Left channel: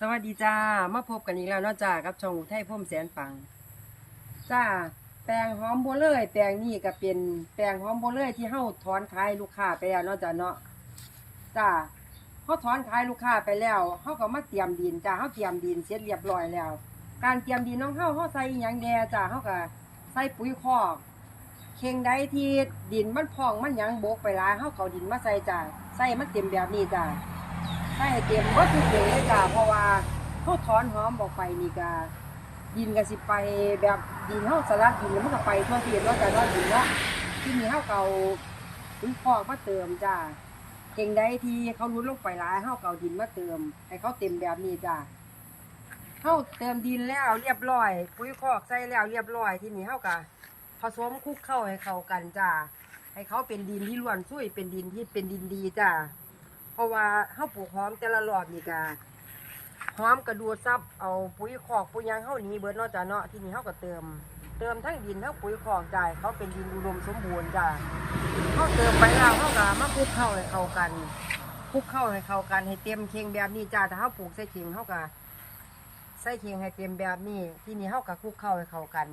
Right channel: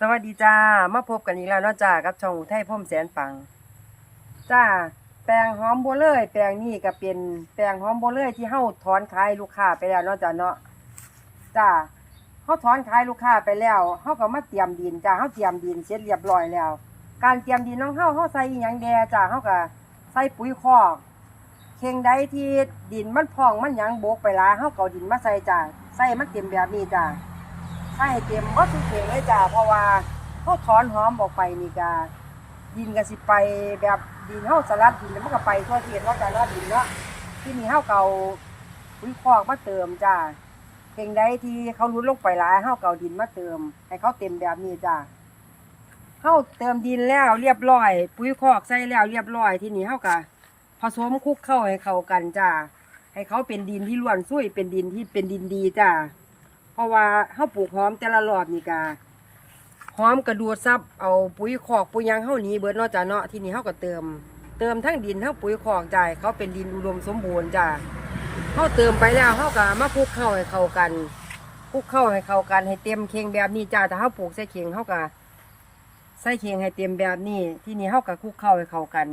สวัสดีจ้า มาพบกันอีกแล้วเนาะจ้ากับช่องไทยพ่มแสนปัง จ้า แปลงหอมบัวเลยแปลงนี้ก็เป็นแปลงหอมบัวเลยที่เฮาถอนขายลูกค้าไปแล้วเนาะจ้าเนาะ จ้าเฮาถอนขายลูกค้าไปแล้วเฮาก็มาเตรียมดินจ้าเฮาเตรียมดินเสร็จเรียบร้อยแล้ว การเตรียมดินของเฮาเฮาใส่หยังแดจ้าเฮาก็ใส่ปุ๋ยคอกเข่งใดที่ดินมันพองมันหยังบกไปหลาเฮาก็เอาดินมาใส่จ้าใส่มันเต็มแบบนี้จ้า ใส่เต็มบ่ทุกเข่งเลยจ้าเพราะว่าเฮาถอนหอมออกไปนี่ก็ดินก็สิไปแบบดินเฮาสลัดดินแล้วมันก็ไปทั่วที่เนาะจ้าเนาะดินเนาะที่นี่เฮาเก่าปุ๋ยคอกมาเติมจ้าเข่งใดที่เขารุดลงไปหลายเฮาเก่าดินมาเติม ให้เขาเต็มแบบนี้จ้าเฮาเติมดินแล้วเรียบร้อย ปุ๋ยคอกใส่แล้วเรียบร้อยที่นี่เฮาก็ผสมคลุกเข้าให้เข้ากันจ้าให้เขาเป็นดินที่ล้วนซุยเป็นดินที่เป็นดินดีจ้า เพราะว่าเฮาปลูกหอมแต่ละรอบนี่กาหอมกระดูดซับเอาปุ๋ยคอกปุ๋ยยังเฮาหนี้เบิดเนาะจ้ะเนาะที่นี่เฮาก็เติม เติมทั้งดินทั้งปุ๋ยคอกจ่ายเขาเป็นดินอุดมสมบูรณ์จ้ะเฮาเติมไปแล้วเฮาก็มาคลุกเข้าให้เข้ากันคลุกเข้าให้เข้ากันให้เต็มเคียงแบบนี้จ้าถ้าเฮาปลูกใส่เคียงเฮาก็ใส่เคียงให้เต็มแบบนี้ ที่นี่เฮาก็คลุกเข้าให้เข้ากัน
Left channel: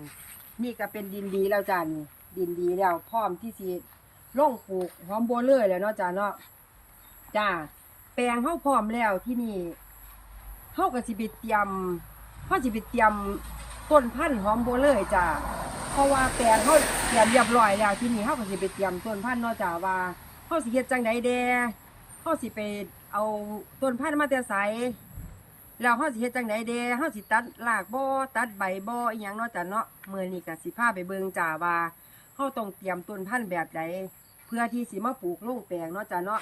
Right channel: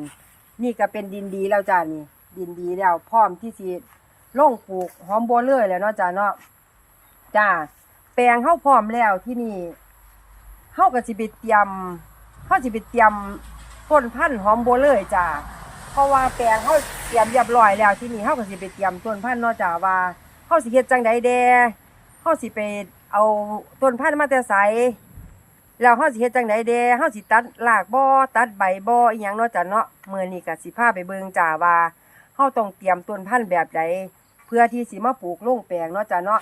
นี่ก็เป็นดินดีแล้วจ้านี่ดินดีแล้วพร้อมที่สิลงปลูกหอมบัวเลยแล้วเนาะจ้าเนาะ จ้าแปลงเฮาพร้อมแล้วที่นี่เฮาก็สิไปเตรียมเฮาสิไปเตรียมต้นพันธุ์หอมโบเลยจ้าเพราะว่าแปลงเฮาเตรียมเรียบร้อยแล้วที่นี่เฮาก็สิไปเตรียมต้นพันธุ์เนาะจ้าว่าเฮาสิเฮ็ดจังใดแดเฮาสิไปเอาต้นพันธุ์มาแต่ไสแล้วเฮาสิเฮ็ดจังใดแดเฮาสิตัดรากบ่ตัดใบบ่อีหยังเนาะจ้าเนาะเมื้อนี้ก็สิพาไปเบิ่งจ้าว่าเฮาต้องเตรียมต้นพันธุ์แบบใดเพื่อที่สิมาปลูกลงแปลงเนาะจ้าเนาะ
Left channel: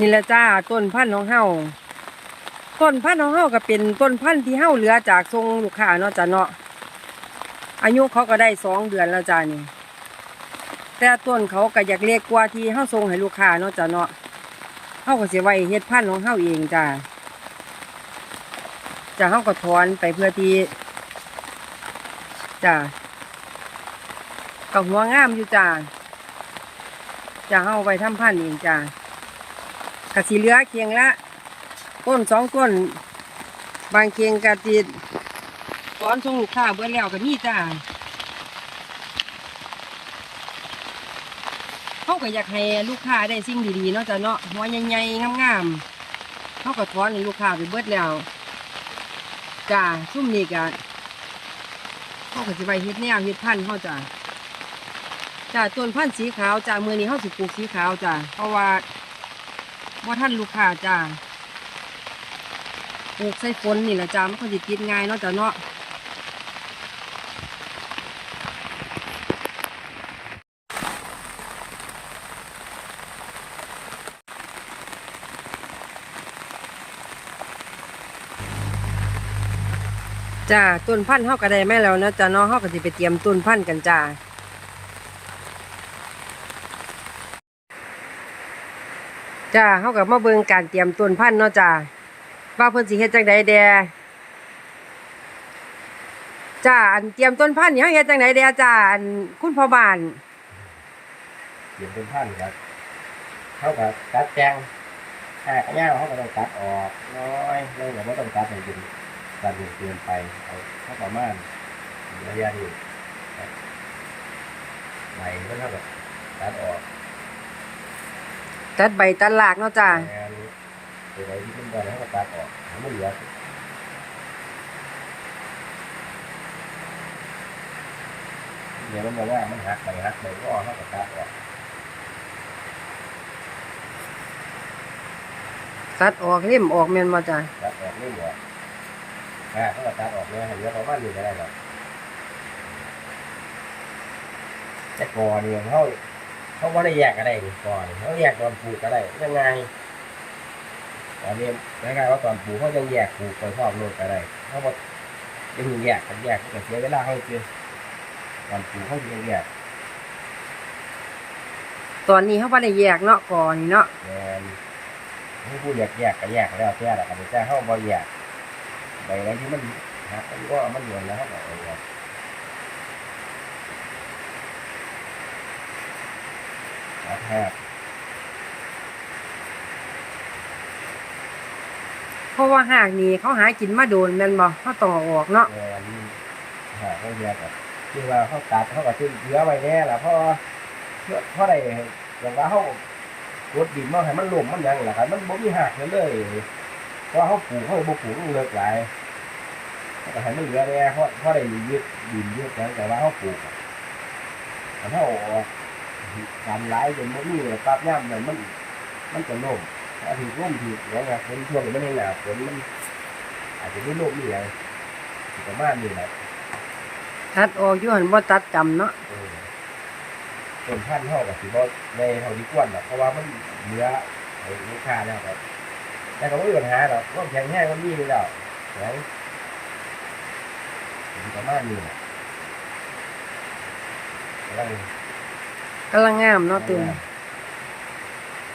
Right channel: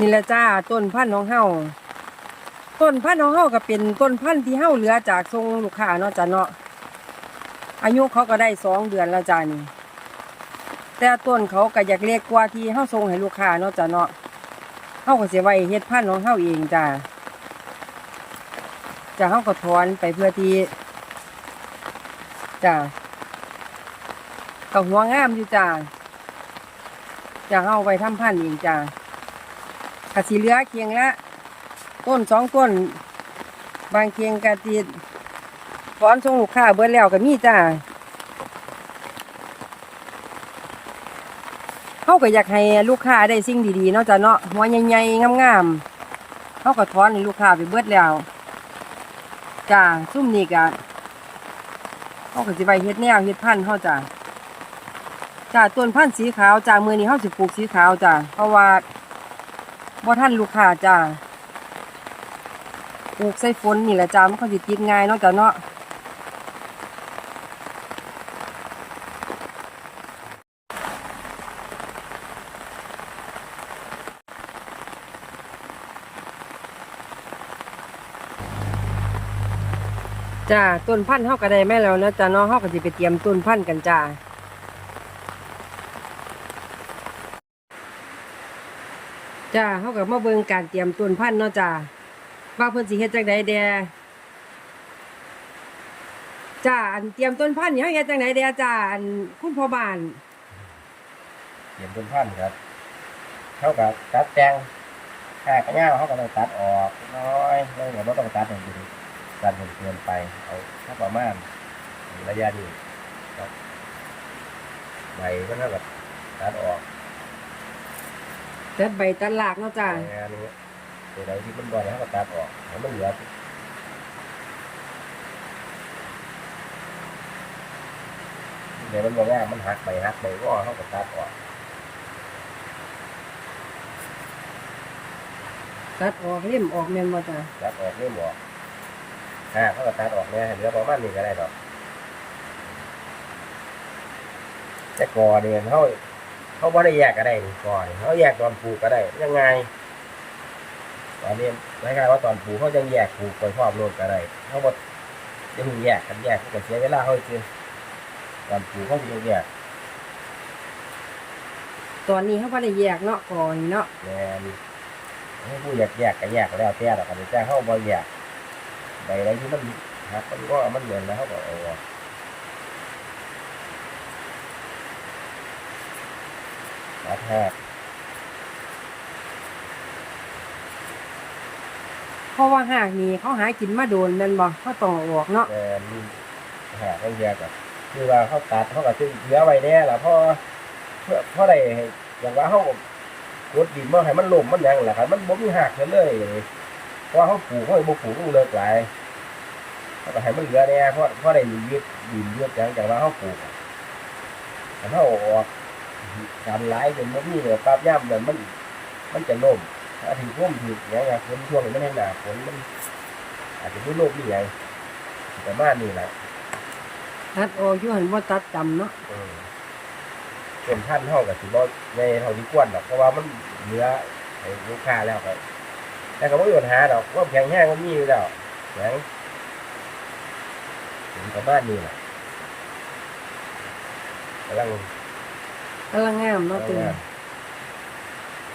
นี่แหละจ้าต้นพันธุ์ของเฮาต้นพันธุ์ของเฮาก็เป็นต้นพันธุ์ที่เฮาเหลือจากทรงลูกค้าเนาะจ้ะเนาะอายุเขาก็ได้สองเดือนแล้วจ้านี่แต่ต้นเขาก็อยากเล็กกว่าที่เฮาส่งให้ลูกค้าเนาะจ้ะเนาะเฮาก็เสิไว้เฮ็ดพันธุ์ของเฮาเองจ้าจ้าเฮาก็ถอนไปเพื่อที่จ้าก็หัวงามอยู่จ้าจะเฮาไว้ทำพันธุ์เองจ้า กะสีเหลือเคียงละต้นสองต้น บางเคียงกะติดฟ้อนส่งลูกค้าเบิดแล้วก็มีจ้าเขาก็อยากให้ลูกค้าได้สิ่งดีๆเนาะจ้ะเนาะหัวใหญ่ๆงามๆเขาก็ถอนให้ลูกค้าไปเบิดแล้วจ้าซุ่มนี้กะเขาก็สิไปเฮ็ดแนวเฮ็ดพันธุ์เขาจ้าจ้าต้นพันธุ์สีขาวจ้ามือนี้เขาสิปลูกสีขาวจ้าเพราะว่า บ่ท่านลูกค้าจ้าปลูกใส่ฝนนี่แหละจ้ามันก็สิติดง่ายเนาะจ้าเนาะจ้าต้นพันธุ์เฮาก็ได้แม่แล้วนะจ้าเนาะเฮาก็สิไปเตรียมต้นพันธุ์กันจ้า จ้าเขากับมาเบิ่งการเตรียมต้นพันธุ์เนาะจ้าว่าเพิ่นสิเฮ็ดจังใดแดจ้าอันเตรียมต้นพันธุ์นี่เฮาเฮ็ดจังใดแดจ้าอันคุณพ่อบ้านเขียนเป็นพันครับเท่ากับตัดแจงถ้ากระย่างเขาก็ต้องตัดออกน้อยแล้วก็ไม่ต้องตัดอย่างดินตัดจนเกินไปเอาเท่าประมาณระยะนี้ครับใบก็เท่ากับตัดออก ตัดใบตัดรากเนาะจ้างานนี้ตัวใดที่มันบอลแล้วก็ตัดออกให้มันเหลือเดี๋ยวมันบอกว่ามันหักไปหักไปก็เขาก็ตัดออกตัดออกเล่มออกแม่นบ่จ้าตัดออกไม่หมดอ่าเขาก็ตัดออกเนี่ยให้เหลือประมาณนี้ก็ได้ดอกแต่กอเนี่ยเขา เขาไม่ได้แยกก็ได้นี่กอเนี่ยเขาแยกตอนปลูกก็ได้ ยังไง ตอนนี้ไม่ใช่ว่าตอนปลูกเขายังแยกปลูกไปครอบโลดก็ได้เขาบอกจะมึงแยกกันแยกก็เสียเวลาเขาจริงตอนปลูกเขายังแยกตอนนี้เฮาบ่ได้แยกเนาะก่อนนี่เนาะแมนให้ผู้แยกแยกก็แยกแล้วแต่ดอกกันแต่เขาบ่แยกใบอะไรที่มันหักมันก็เอามันเหลือนแล้วเขาก็เอา ออกตัดแหกราะว่าหากนี่เขาหากินมาโดนแม่นบ่เขาต้องเอาออกเนาะแต่นี่หาเขาแยกกับคือว่าเขาตัดเขาก็จะเหลือไว้แน่ล่ะเพราะเพื่อเพราะใดอย่างว่าเขากดดินมาให้มันล่มมันหยังล่ะครับ มันบ่มีหักเลยเลยเพราะว่าเขาปลูกเขาบ่ปลูกมันเลิกหลายเขาก็ให้มันเหลือแน่เพราะเพราะได้ยึดดินยึดหยังแต่ว่าเขาปลูกอะถ้าเขาเอาออก การหลายจนบ่มีเนี่ยปรับย่ำเนี่ยมัน มันจะล่มถ้าถึงล่มถึงอย่างเงี้ยฝนช่วงนี้มันให้หนาฝนมัน อาจจะไม่ล่มนี่ไงประมาณนี้แหละตัดออกอยู่หั่นบ่ตัดจำเนาะเออส่วนท่านเท่ากับสีบอในเท่าที่ควรหรอกเพราะว่ามันเหลือให้ลูกค้าแล้วครับแต่ก็ไม่มีปัญหาหรอกว่าแข็งแห้งมันมีอยู่แล้วแข็งถึงประมาณนี้แหละกำลัง กำลังงามเนาะตึง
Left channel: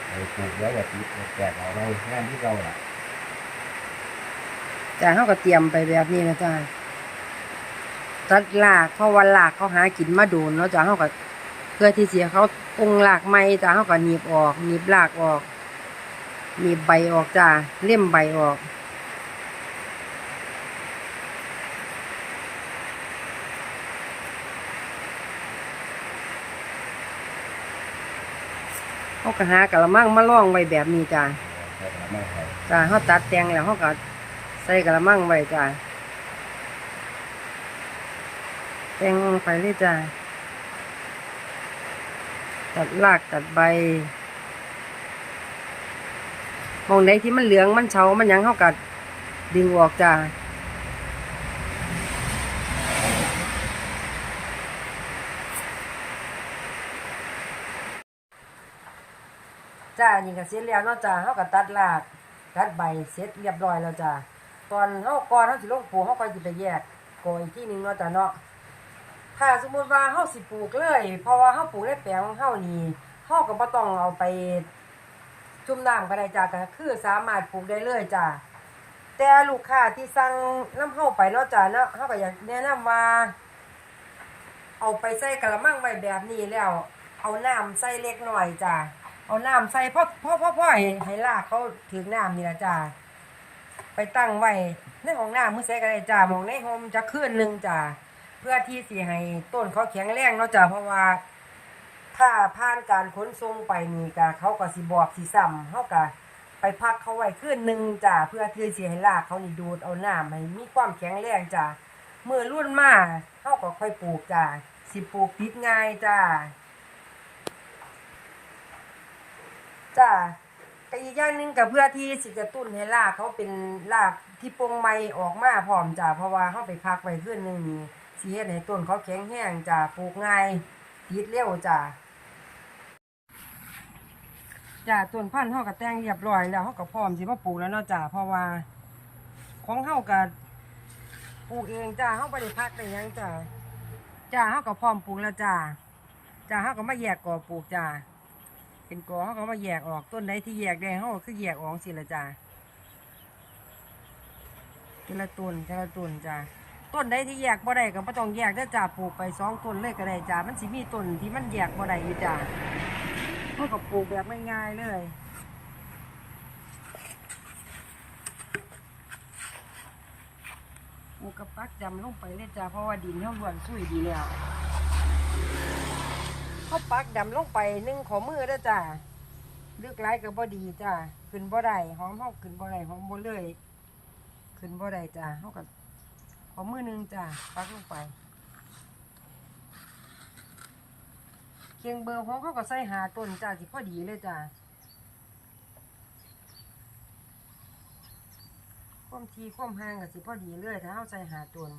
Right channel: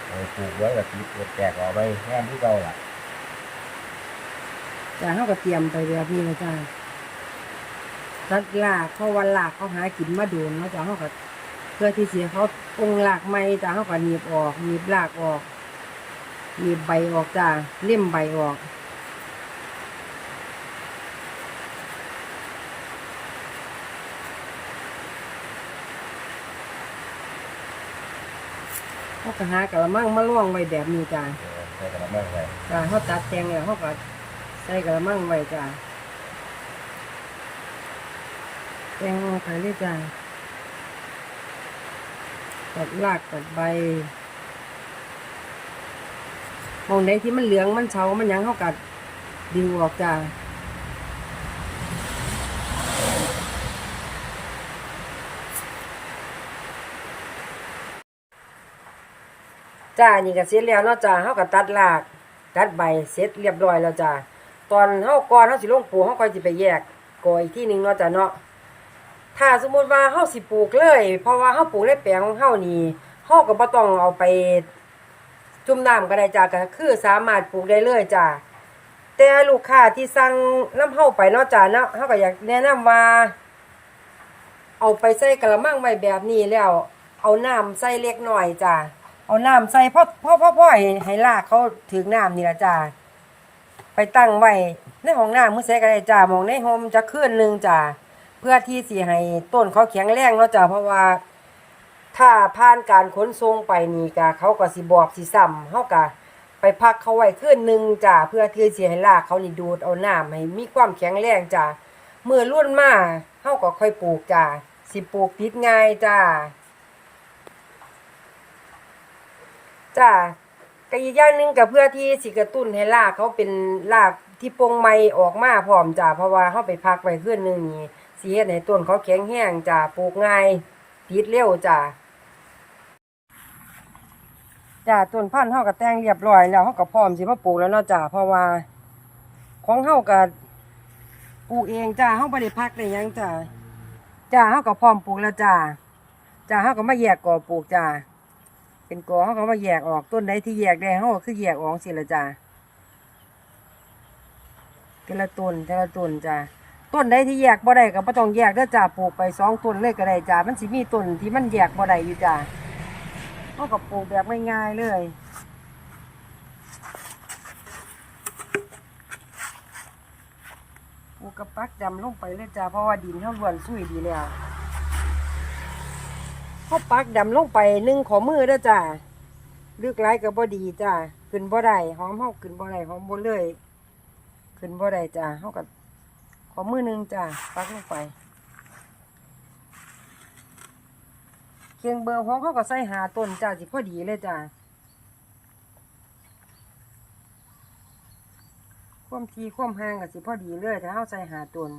เออปลูกเยอะกับตีแจกออกไปงานที่เราล่ะจ้าเฮาก็เตรียมไปแบบนี้แล้วจ้าตัดรากเพราะว่าลากเขาหากินมาโดนเนาะจ้าเฮาก็เพื่อที่สิให้เขาปรุงรากใหม่จ้าเฮาก็หนีบออกหนีบรากออกหนีบใบออกจ้าเล่มใบออก เขาก็หากระมังมาล่องไว้แบบนี้จ้าเออใช้กระมังไปจ้าเขาตัดแต่งแล้วเขาก็ใส่กระมังไว้จ้าแต่งลงไปเลยจ้าตัดรากตัดใบมองไหนที่มันเหลืองมันเฉามันหยังเขากัดดึงออกจ้า จ้านี่ก็เสร็จแล้วเนาะจ้าเขาก็ตัดรากตัดใบเสร็จเรียบร้อยแล้วจ้าตอนเฮาก่อนเฮาสิลงปลูกเฮาก็สิไปแยกกออีกที่หนึงเนาะจ้าเนาะถ้าสมมุติว่าเฮาสิปลูกเลย เพราะว่าเฮาปลูกในแปลงของเฮานี่เฮาก็บ่ต้องเอาไปจุ่มน้ำก็ได้จ้าก็คือสามารถปลูกได้เลยจ้าแต่ลูกค้าที่สั่งน้ำเฮาไปเนาะจ้าเนาะเฮาก็อยากแนะนำว่า เอาไปใส่กระมังไว้แบบนี้แล้ว เอาน้ำใส่เล็กน้อยจ้า เอาน้ำใส่พราะเพราะเพราะเพราะให้ให้รากเขาถึงน้ำนี่ละจ้าไปตั้งไว้ในห้องน้ำมื้อใส่ก็ได้จ้ามองในโฮมจะคืนหนึ่งจ้าเพื่อที่สิให้ต้นเขาแข็งแรงเนาะจ้าเพราะว่า ถ้าผ่านการขนส่งไปนี่ก็เขาก็สิบอกสิซ้ำเฮาก็ไปพักเขาไว้คืนหนึ่งจ้าเพื่อที่สิให้รากเขานี่ดูดเอาน้ำให้มีความแข็งแรงจ้าเมื่อรุ่นมาเฮาก็ค่อยปลูกจ้าสิปลูกติดง่ายจ้า จ้าก็อีกอย่างหนึ่งก็เพื่อที่สิกระตุ้นให้รากเขาเป็นรากที่โปร่งใหม่ออกมาพร้อมจ้าเพราะว่าเฮาไปพักไว้คืนหนึ่งนี่สิเฮ็ดให้ต้นเขาแข็งแรงจ้าปลูกง่ายติดเร็วจ้าจ้าต้นพันธุ์เฮาก็แต่งเรียบร้อยแล้วเฮาก็พร้อมสิมาปลูกแล้วเนาะจ้าเพราะว่า ของเฮาก็ปลูกเองจ้าเฮาบ่ได้พักได้หยังจ้าจ้าเฮาก็พร้อมปลูกแล้วจ้าจ้าเฮาก็มาแยกก่อปลูกจ้า เป็นกอเฮาก็มาแยกออกต้นใดที่แยกได้เฮาก็คือแยกออกสิละจ้าแต่ละต้นแต่ละต้นจ้าต้นใดที่แยกบ่ได้ก็บ่ต้องแยกเด้อจ้าปลูกไปสองต้นเลยก็ได้จ้ามันสิมีต้นที่มันแยกบ่ได้อยู่จ้าเขาก็ปลูกแบบง่ายๆเลยปลูกกระปักดำลงไปเลยจ้าเพราะว่าดินเขาล้วนสุยดีแล้ว เขาปักดำลงไปหนึ่งขอมือเด้อจ้าลึกไรก็บ่ดีจ้าขึ้นบ่ได้หอมเขาขึ้นบ่ได้หอมบ่เลย ขึ้นบ่ได้จ้าเขาก็ขอมือหนึ่งจ้าปักลงไปเคียงเบอร์ของเขาก็ใส่หาต้นจ้าสิพอดีเลยจ้าความทีความห่างก็สิพอดีเลยถ้าเขาใส่หาต้น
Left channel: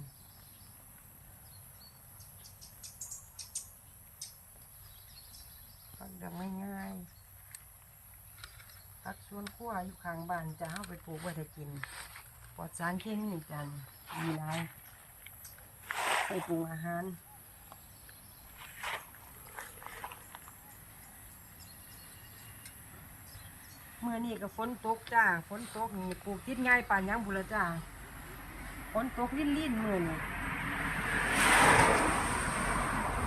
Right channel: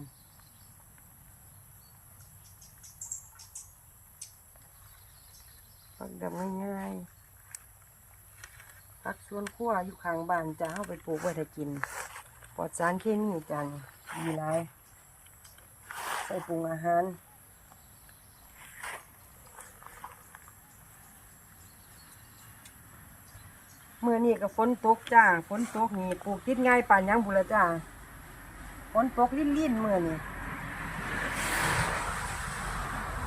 ปักดำง่ายๆปักสวนครัวอยู่ข้างบ้านจ้าเขาไปปลูกไว้ถ้ากินปลอดสารเคมีจ้านี่ดีหลายไปปรุงอาหารเมื่อนี้ก็ฝนตกจ้าฝนตกนี่ปลูกติดง่ายป่านยังบุละจ้าฝนตกลิ่นลิ่นๆเมื่อนี่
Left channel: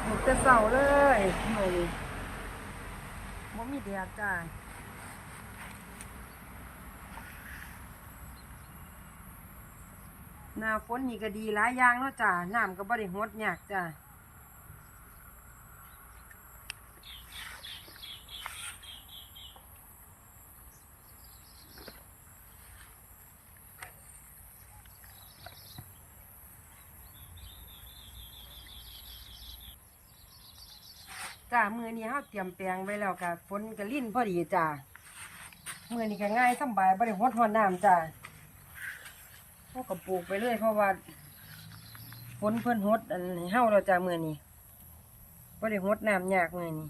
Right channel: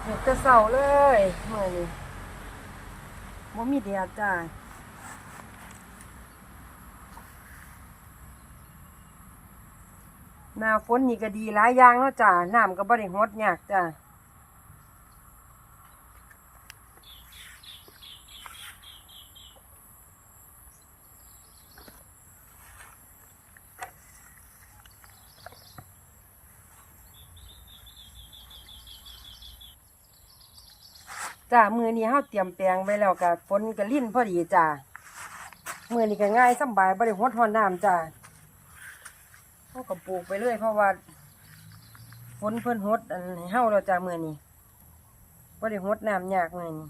ปลูกแต่เสาเลยเมื่อนี่ บ่มีแดดจ้านาฝนนี่ก็ดีหลายอย่างเนาะจ้าน้ำก็บ่ได้หดยากจ้า จ้ามือนี้เฮาเตรียมแปลงไว้แล้วก็ฝนก็ลิ่นพอดีจ้ามือนี้ก็ง่ายสบายบริหดหอนน้ำจ้าเฮาก็ปลูกไปเรื่อยเพราะว่าฝนเพิ่นหดอันให้เฮาเราจ้ามือนี้บริหดน้ำยากมือนี้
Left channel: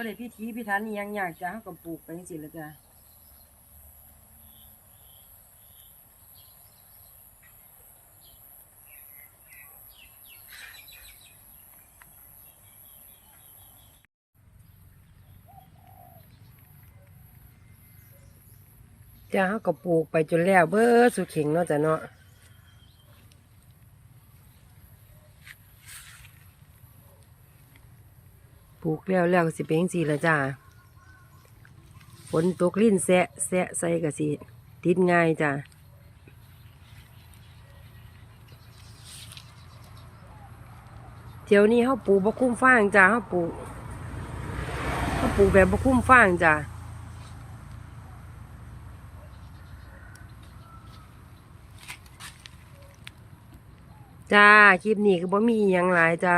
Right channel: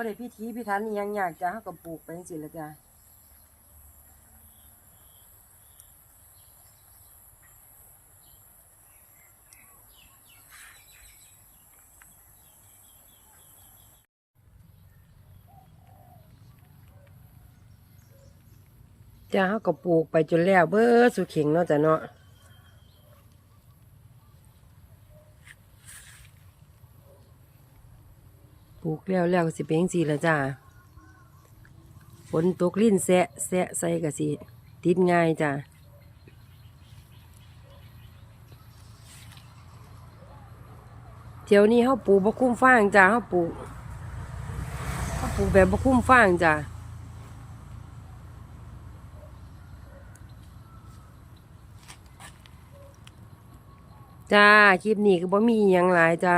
บ่ได้พิธีพิธันอีหยังยากจ้าเฮาก็ปลูกไปจังซี่แหละจ้าจ้าเขาก็ปลูกไปจนแล้วเบ้อสุเข็งเนาะจ้ะเนาะ กแล้วแล้วก็สิเป็นสีละจ้าฝนตกลิ้นแสะแสะใส่ก็สิติดง่ายจ้าเที่ยวนี้เขาปลูกบะคุ้มฟางจ้าเขาปลูกเขาปลูกแบบบะคุ้มฟางจ้าจ้า คลิปนี้ก็บ่มีอหยังหลายจ้า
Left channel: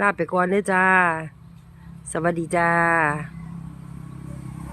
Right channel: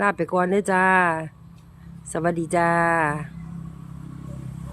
ลาไปก่อนเด้อจ้า สวัสดีจ้า